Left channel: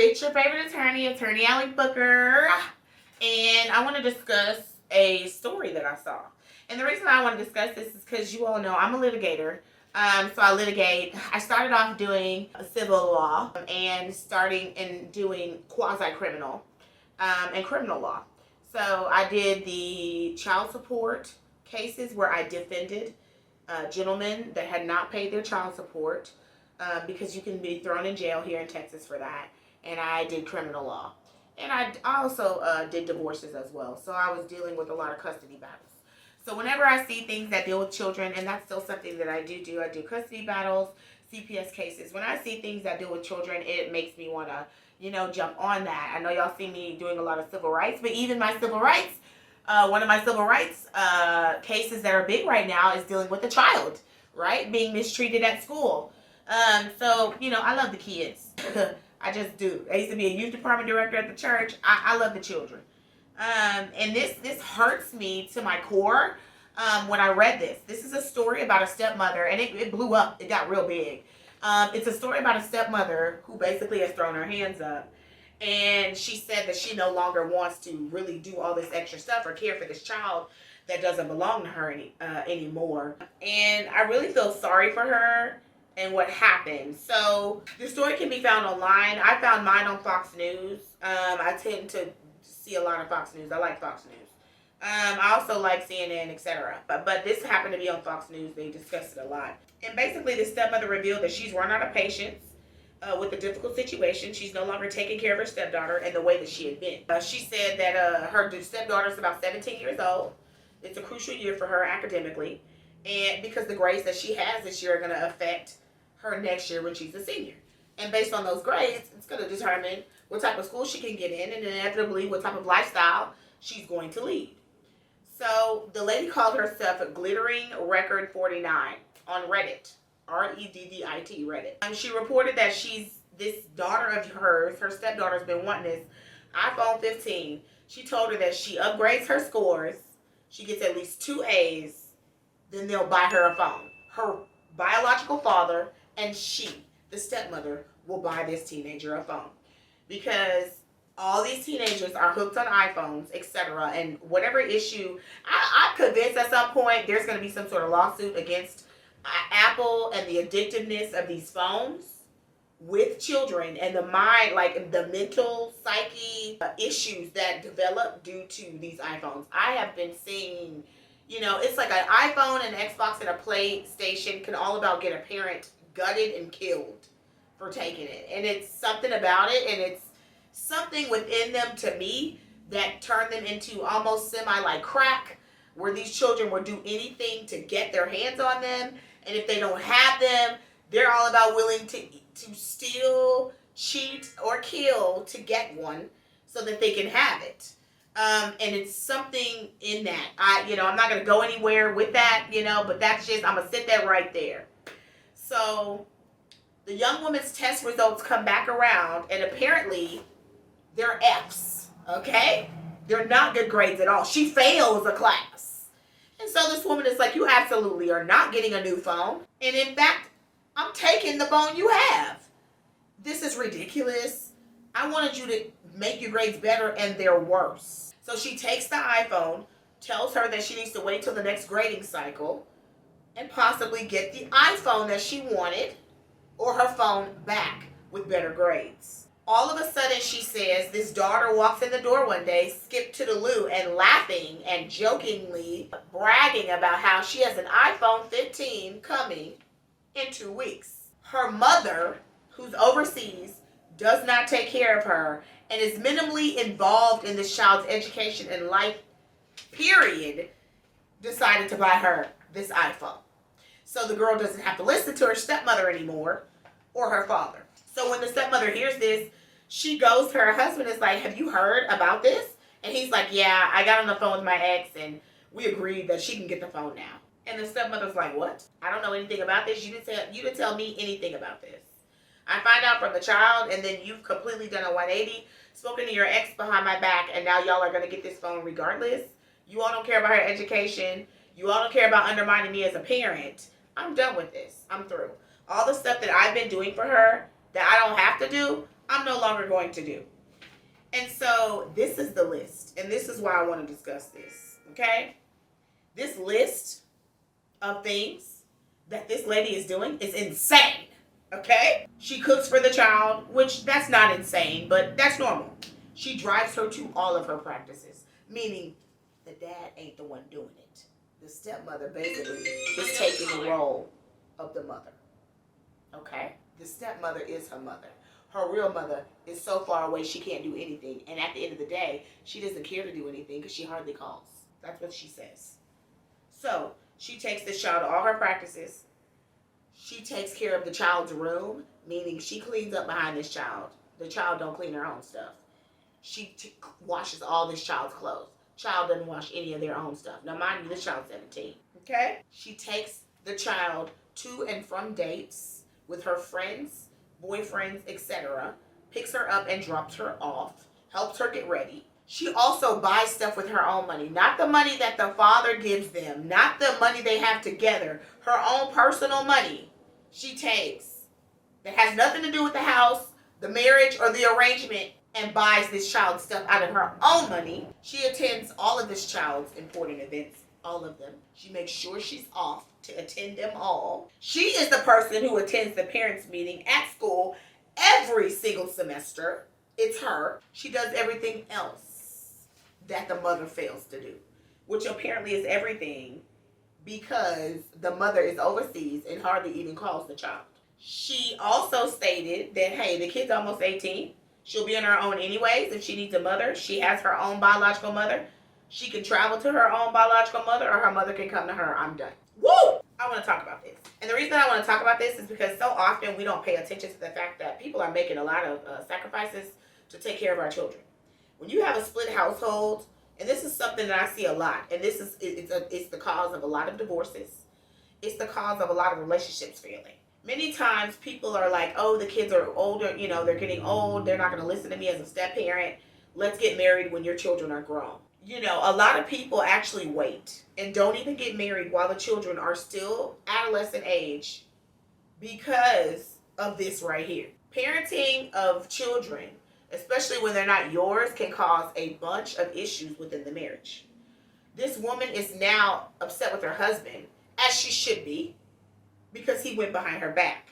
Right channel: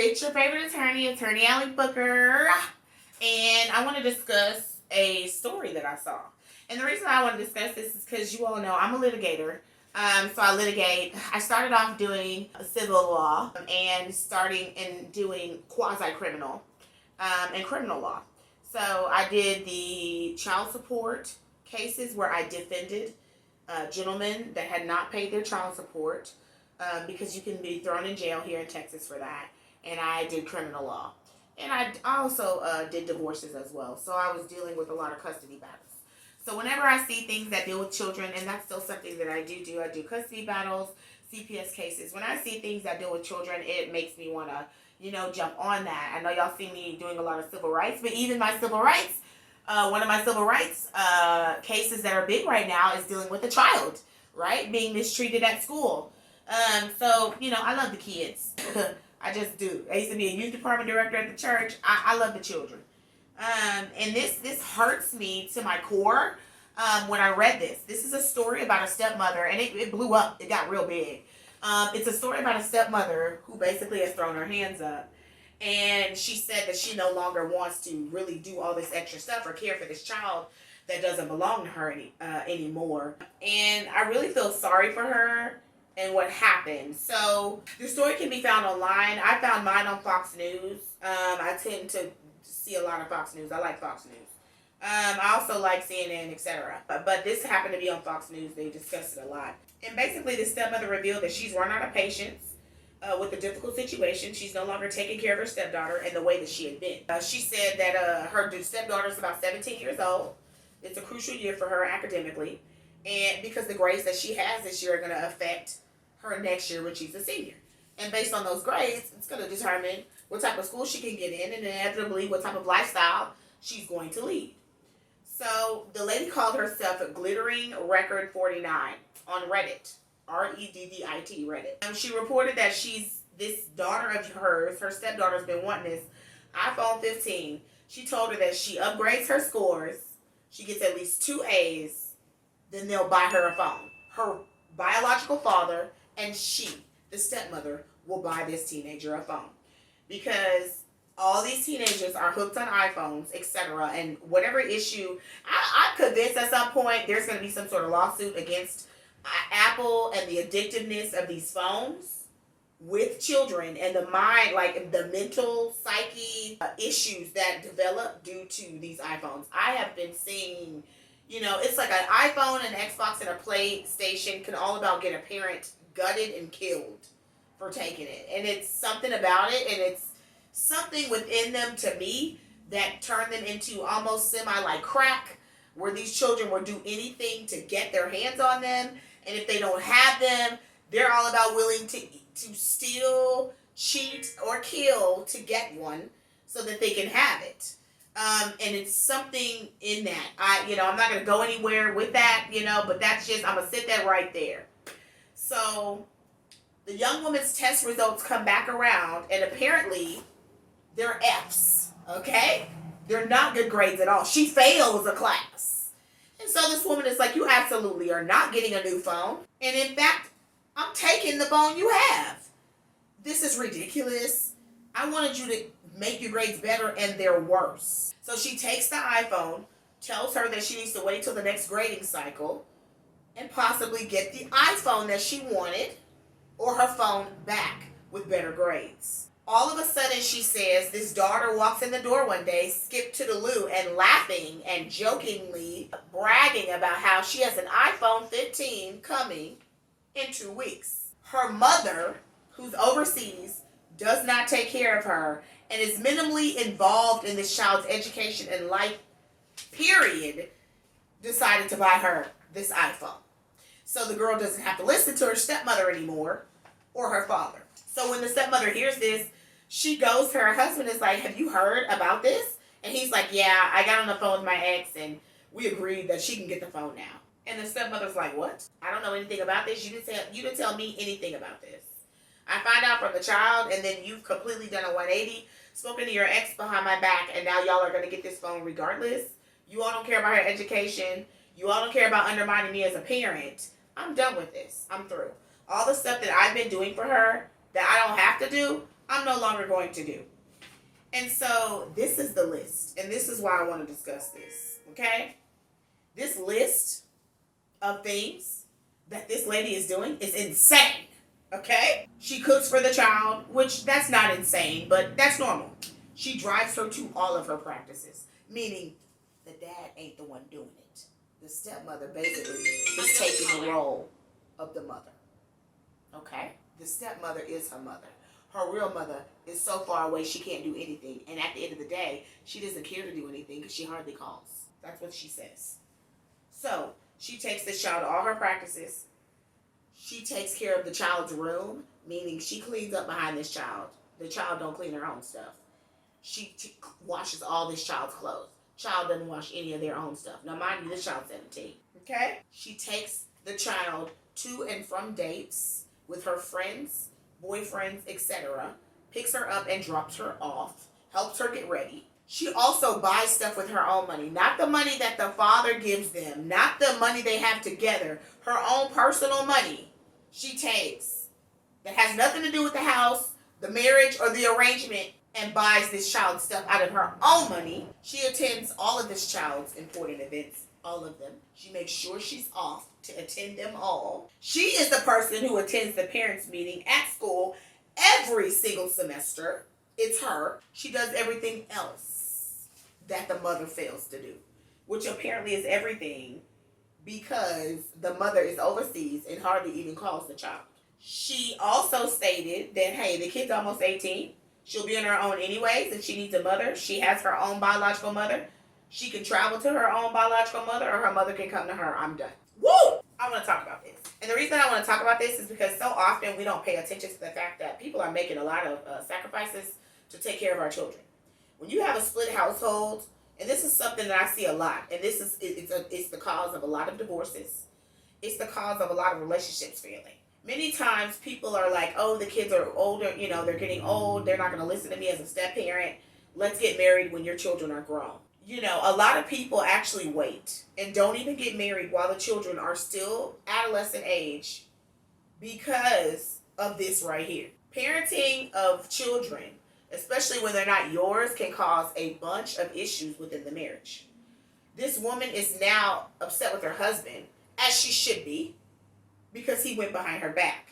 It's your favorite attorney Allie Booker, and I want to discuss a story that I saw. And the reason I want to discuss this is because you all know I'm a litigator. So I litigate. I started off doing civil law and starting in doing quasi-criminal and criminal law. So I did the child support cases where I defended gentlemen that had not paid their child support because you can be thrown in jail here in Texas for that. And I did criminal law. And I also did divorces as well. So I was dealing with a lot of custody battles. So whenever I see things that deal with children, and that's still something that I do. I do custody battles, CPS cases. When I see things that deal with children, it makes me want to, jump on that. I know y'all see me doing a lot of civil rights, but even my civil rights, one of my civil rights cases that are big right now is dealing with a child, right? Being mistreated at school. So, I love the kids. I just do. I used to be a youth department director at the church. I love the children. And this hurts me to my core when I read this. This is a story about a stepmother, and it blew up. It got real big. It's a story about a stepmother who basically has thrown her hands up. And she said that she no longer wants to really do all this extra stuff or care for this child that doesn't belong to her anymore. And I really feel sorry for her and what happened. So the story can be found online. I found mine on Fox News. I tend to see a lot of Fox News. I like Fox News. I also like CNN, etc. But this happened to be on Fox News. They discussed it a lot. And basically, the stepmother revealed that she's run out of patience with the difficult situation. She's no longer taking care of her stepdaughter in the way that she had been. She said that her stepdaughter is about 17 years old. It's a crucial year for her academically. And because the grades that she has this year are going to affect her next year when she's a senior. And based on those grades, it's going to determine what type of school she can get in and inevitably what type of lifestyle she's going to lead. So the lady called herself Glittering Record 49 on Reddit. Reddit, Reddit. She reported that this daughter of hers, her stepdaughter's been wanting this iPhone 15. She told her that she upgrades her scores, she gets at least 2 A's, then they'll buy her a phone. Her biological father and she, the stepmother, will buy this teenager a phone. Because all these teenagers are hooked on iPhones, etc. And whatever issue, I'm convinced at some point there's going to be some sort of lawsuit against Apple and the addictiveness of these phones with children and the mind, like the mental psyche issues that develop due to these iPhones. I have been seeing, it's like an iPhone, an Xbox, and a PlayStation can all about get a parent gutted and killed for taking it. And it's something about it, and it's something within them, to me, that turned them into almost like crack, where these children will do anything to get their hands on them. And if they don't have them, they're all about willing to steal, cheat, or kill to get one so that they can have it. And it's something in that. I'm not going to go anywhere with that, but that's just, I'm going to sit that right there. So the young woman's test results come back around, and apparently they're F's, okay? They're not good grades at all. She fails a class. And so this woman is like, you absolutely are not getting a new phone. And in fact, I'm taking the phone you have. This is ridiculous. I wanted you to make your grades better, and they're worse. So she takes the iPhone, tells her that she needs to wait till the next grading cycle and possibly get the iPhone that she wanted or her phone back with better grades. All of a sudden, she says, this daughter walks in the door one day, skipped to the loo, and laughing and jokingly bragging about how she has an iPhone 15 coming in 2 weeks. Her mother, who's overseas, does not take care of her and is minimally involved in this child's education and life, period, decided to buy her this iPhone. So the girl doesn't have to listen to her stepmother anymore or her father. So when the stepmother hears this, she goes to her husband and is like, have you heard about this? And he's like, yeah, I got on the phone with my ex and we agreed that she can get the phone now. And the stepmother's like, what? I don't know anything about this. You didn't tell me anything about this. I find out from the child, and then you've completely done a 180, spoken to your ex behind my back, and now y'all are going to get this phone regardless. You all don't care about her education. You all don't care about undermining me as a parent. I'm done with this. I'm through. All the stuff that I've been doing for her that I don't have to do, I'm I'm no longer going to do. And so this is the list, and this is why I want to discuss this, okay? This list of things that this lady is doing is insane, okay? She cooks for the child, which that's not insane, but that's normal. She drives her to all of her practices, meaning the dad ain't the one doing it. The stepmother basically is taking the role of the mother, okay? The stepmother is her mother. Her real mother is so far away she can't do anything. And at the end of the day, she doesn't care to do anything because she hardly calls. That's what she says. So she takes this child to all her practices. She takes care of the child's room, meaning she cleans up behind this child. The child don't clean her own stuff. She washes all this child's clothes. Child doesn't wash any of their own stuff. Now, mind you, this child's 17. Okay? She takes the child to and from dates with her friends, boyfriends, etc., picks her up and drops her off, helps her get ready. She also buys stuff with her own money, not the money that the father gives them, not the money they have together, her own personal money she takes that has nothing to do with the house, the marriage, or the arrangement, and buys this child's stuff out of her own money. She attends all of this child's important events, all of them. She makes sure she's off to attend them all. She is the person who attends the parents' meeting at school every single semester. It's her. She does everything else that the mother fails to do, which apparently is everything because the mother is overseas and hardly even calls the child. She also stated that, hey, the kid's almost 18. She'll be on her own anyways. If she needs a mother, she has her own biological mother. She can travel to her own biological mother, or her mother can come to her. I'm done. Woo! I want to talk about this. And the reason I want to talk about this is because so often we don't pay attention to the fact that people are making a lot of sacrifices to take care of our children. When you have a split household, and this is something that I see a lot, and this is it's the cause of a lot of divorces. It's the cause of a lot of relationships failing. Many times people are like, oh, the kids are older, they're getting old, they're not going to listen to me as a step parent. Let's get married when your children are grown. A lot of people actually wait and don't even get married while the children are still adolescent age because of this right here. Parenting of children, especially when they're not yours, can cause a bunch of issues within the marriage. This woman is now upset with her husband, as she should be, because he went behind her back.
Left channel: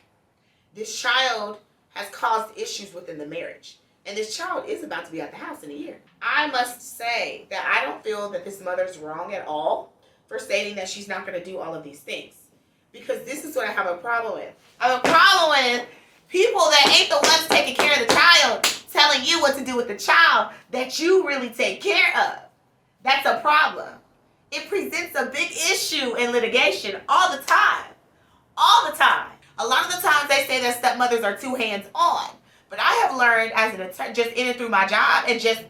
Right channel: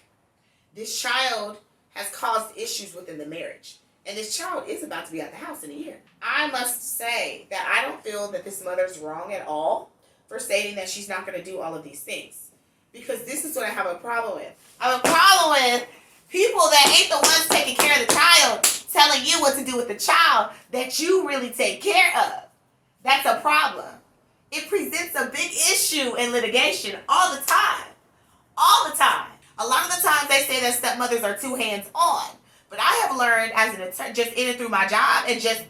This child has caused issues within the marriage. And this child is about to be at the house in a year. I must say that I don't feel that this mother's wrong at all for stating that she's not going to do all of these things. Because this is what I have a problem with. I have a problem with people that ain't the ones taking care of the child telling you what to do with the child that you really take care of. That's a problem. It presents a big issue in litigation all the time. All the time. A lot of the times they say that stepmothers are too hands-on. But I have learned as an attorney, just in and through my job and just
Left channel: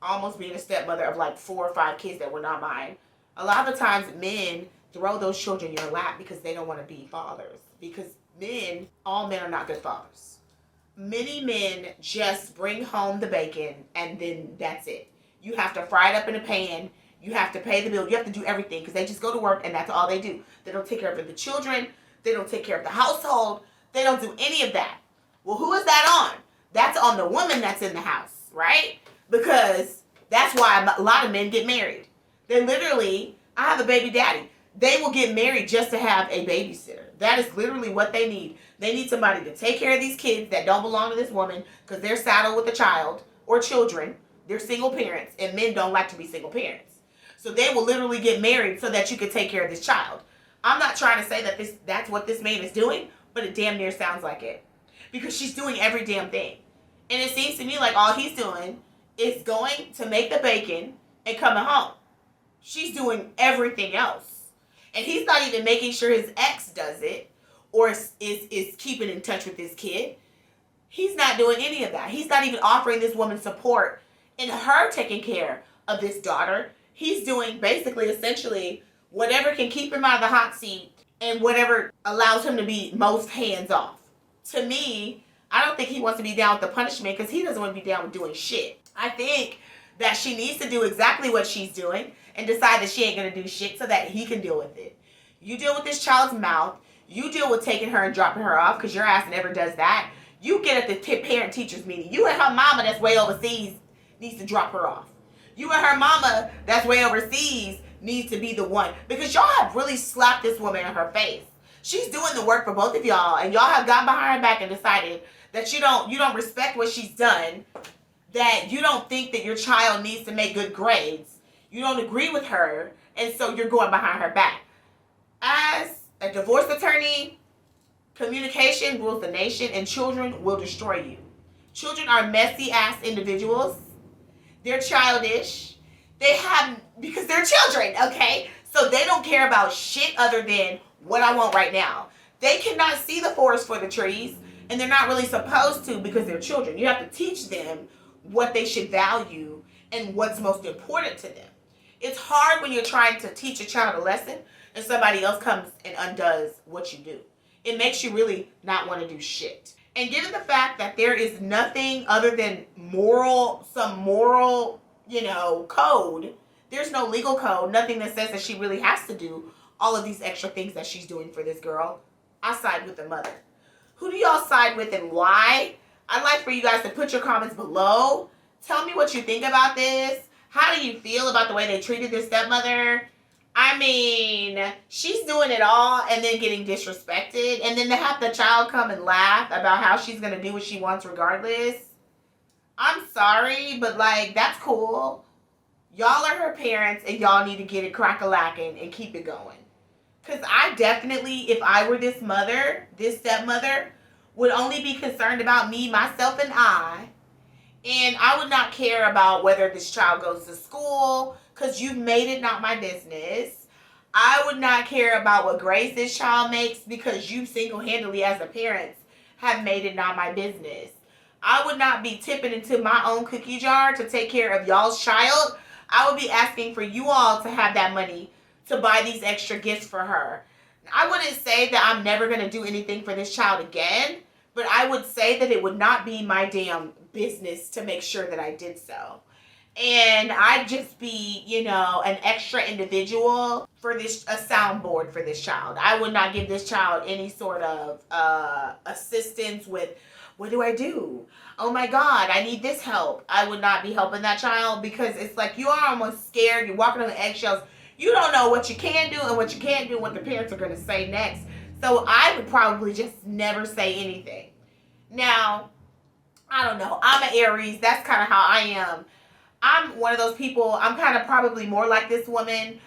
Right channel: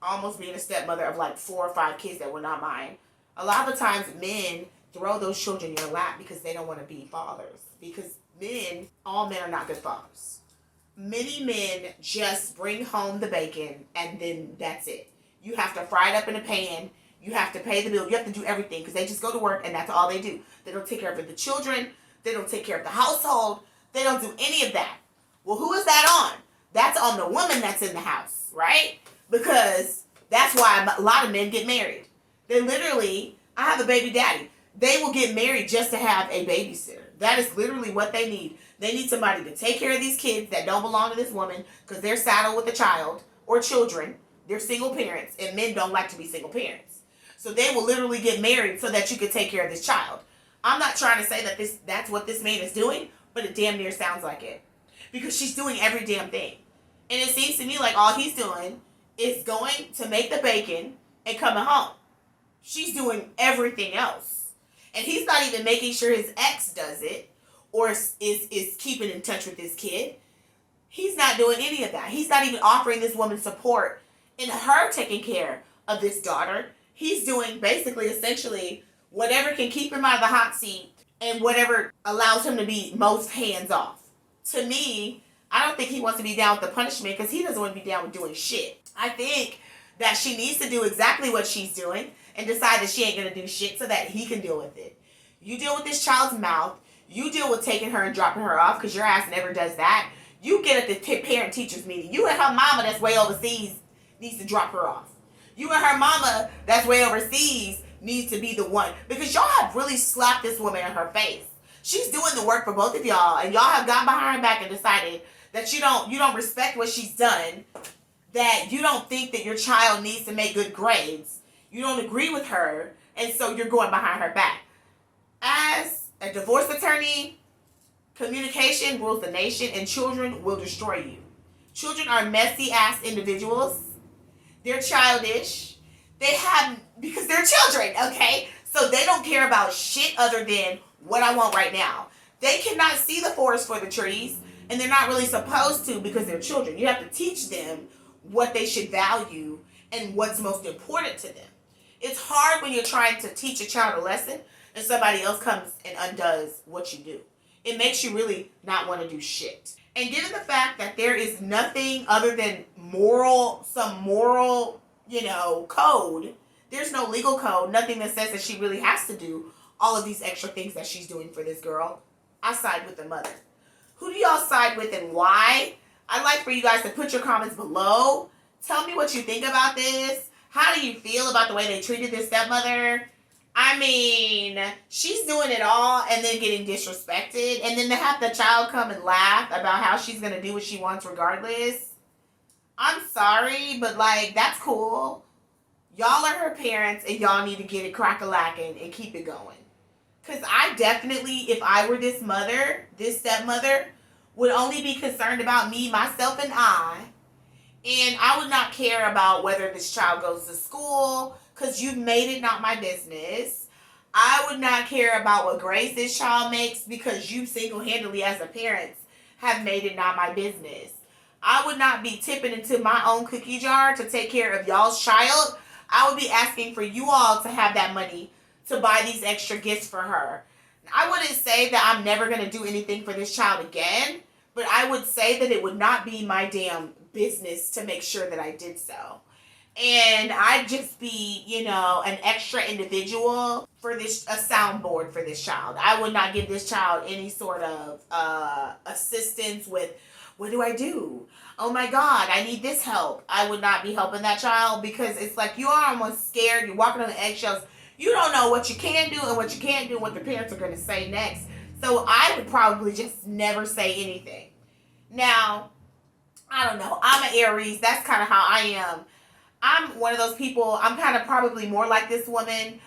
almost being a stepmother of like 4 or 5 kids that were not mine. A lot of the times men throw those children in your lap because they don't want to be fathers. Because all men are not good fathers. Many men just bring home the bacon and then that's it. You have to fry it up in a pan. You have to pay the bill. You have to do everything because they just go to work and that's all they do. They don't take care of the children. They don't take care of the household. They don't do any of that. Well, who is that on? That's on the woman that's in the house, right? Because that's why a lot of men get married. They literally, I have a baby daddy. They will get married just to have a babysitter. That is literally what they need. They need somebody to take care of these kids that don't belong to this woman because they're saddled with a child or children. They're single parents, and men don't like to be single parents. So they will literally get married so that you can take care of this child. I'm not trying to say that that's what this man is doing, but it damn near sounds like it. Because she's doing every damn thing. And it seems to me like all he's doing is going to make the bacon and coming home. She's doing everything else. And he's not even making sure his ex does it or is keeping in touch with this kid. He's not doing any of that. He's not even offering this woman support in her taking care of this daughter. He's doing basically, essentially, whatever can keep him out of the hot seat and whatever allows him to be most hands off. To me, I don't think he wants to be down with the punishment because he doesn't want to be down with doing shit. I think that she needs to do exactly what she's doing and decide that she ain't going to do shit so that he can deal with it. You deal with this child's mouth. You deal with taking her and dropping her off because your ass never does that. You get at the parent-teachers meeting. You and her mama that's way overseas needs to drop her off. You and her mama that's way overseas needs to be the one. Because y'all have really slapped this woman in her face. She's doing the work for both of y'all. And y'all have gone behind her back and decided that you don't respect what she's done. That you don't think that your child needs to make good grades. You don't agree with her. And so you're going behind her back. As a divorce attorney, communication rules the nation, and children will destroy you. Children are messy-ass individuals. They're childish. Because they're children, okay? So they don't care about shit other than what I want right now. They cannot see the forest for the trees, and they're not really supposed to because they're children. You have to teach them what they should value and what's most important to them. It's hard when you're trying to teach a child a lesson and somebody else comes and undoes what you do. It makes you really not want to do shit. And given the fact that there is nothing other than some moral, code, there's no legal code, nothing that says that she really has to do all of these extra things that she's doing for this girl, I side with the mother. Who do y'all side with and why? I'd like for you guys to put your comments below. Tell me what you think about this. How do you feel about the way they treated this stepmother? I mean, she's doing it all and then getting disrespected. And then to have the child come and laugh about how she's going to do what she wants regardless. I'm sorry, but that's cool. Y'all are her parents and y'all need to get it crack-a-lacking and keep it going. Because I definitely, if I were this stepmother, would only be concerned about me, myself, and I. And I would not care about whether this child goes to school, because you've made it not my business. I would not care about what grades this child makes, because you single-handedly as a parent have made it not my business. I would not be tipping into my own cookie jar to take care of y'all's child. I would be asking for you all to have that money to buy these extra gifts for her. I wouldn't say that I'm never going to do anything for this child again, but I would say that it would not be my damn business to make sure that I did so. And I'd just be, an extra individual for a soundboard for this child. I would not give this child any sort of assistance with, what do I do? Oh my God, I need this help. I would not be helping that child because it's like you are almost scared. You're walking on the eggshells. You don't know what you can do and what you can't do and what the parents are going to say next. So I would probably just never say anything. Now, I don't know. I'm an Aries. That's kind of how I am. I'm one of those people. I'm kind of probably more like this woman.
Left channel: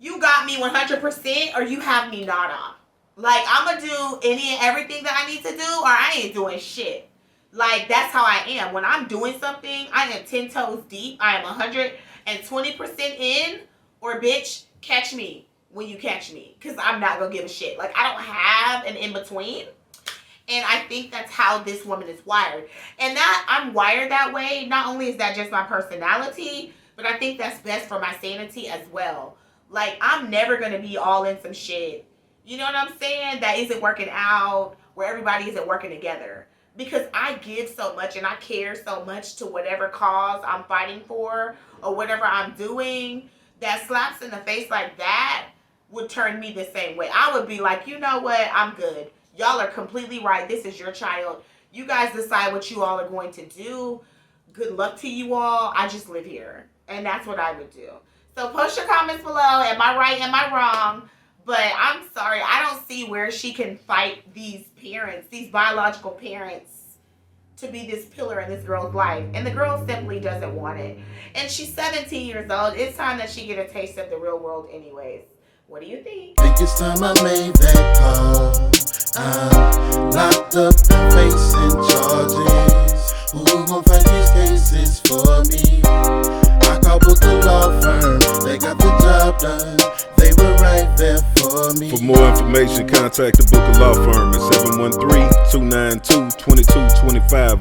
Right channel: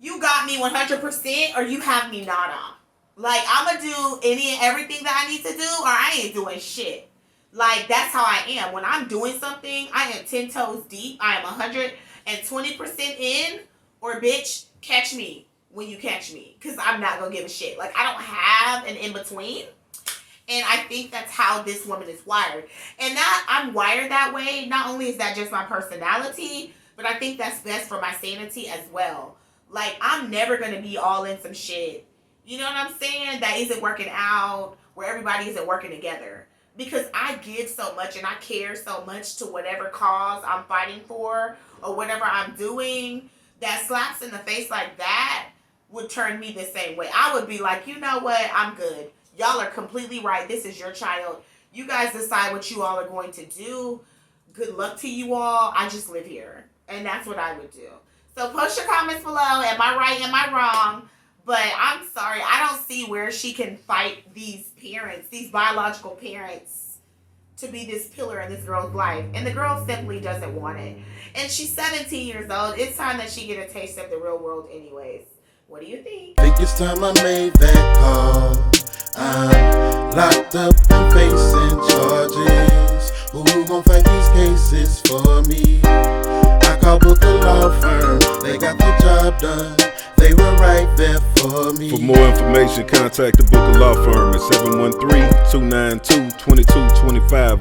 You got me 100% or you have me nada. I'm going to do any and everything that I need to do or I ain't doing shit. That's how I am. When I'm doing something, I am 10 toes deep. I am 120% in or bitch, catch me when you catch me. Because I'm not going to give a shit. I don't have an in-between. And I think that's how this woman is wired. And that I'm wired that way. Not only is that just my personality, but I think that's best for my sanity as well. I'm never going to be all in some shit. You know what I'm saying? That isn't working out, where everybody isn't working together. Because I give so much and I care so much to whatever cause I'm fighting for or whatever I'm doing, that slaps in the face like that would turn me the same way. I would be like, you know what? I'm good. Y'all are completely right. This is your child. You guys decide what you all are going to do. Good luck to you all. I just live here. And that's what I would do. So post your comments below. Am I right? Am I wrong? But I'm sorry. I don't see where she can fight these parents, these biological parents, to be this pillar in this girl's life. And the girl simply doesn't want it. And she's 17 years old. It's time that she get a taste of the real world anyways. What do you think? I think it's time I made that call. I'm locked up and facing charges. Who gon' fight these cases for me? I called Booker Law Firm. They got the job done. They were right there for me. For more information, contact the Booker Law Firm at 713-292-2225.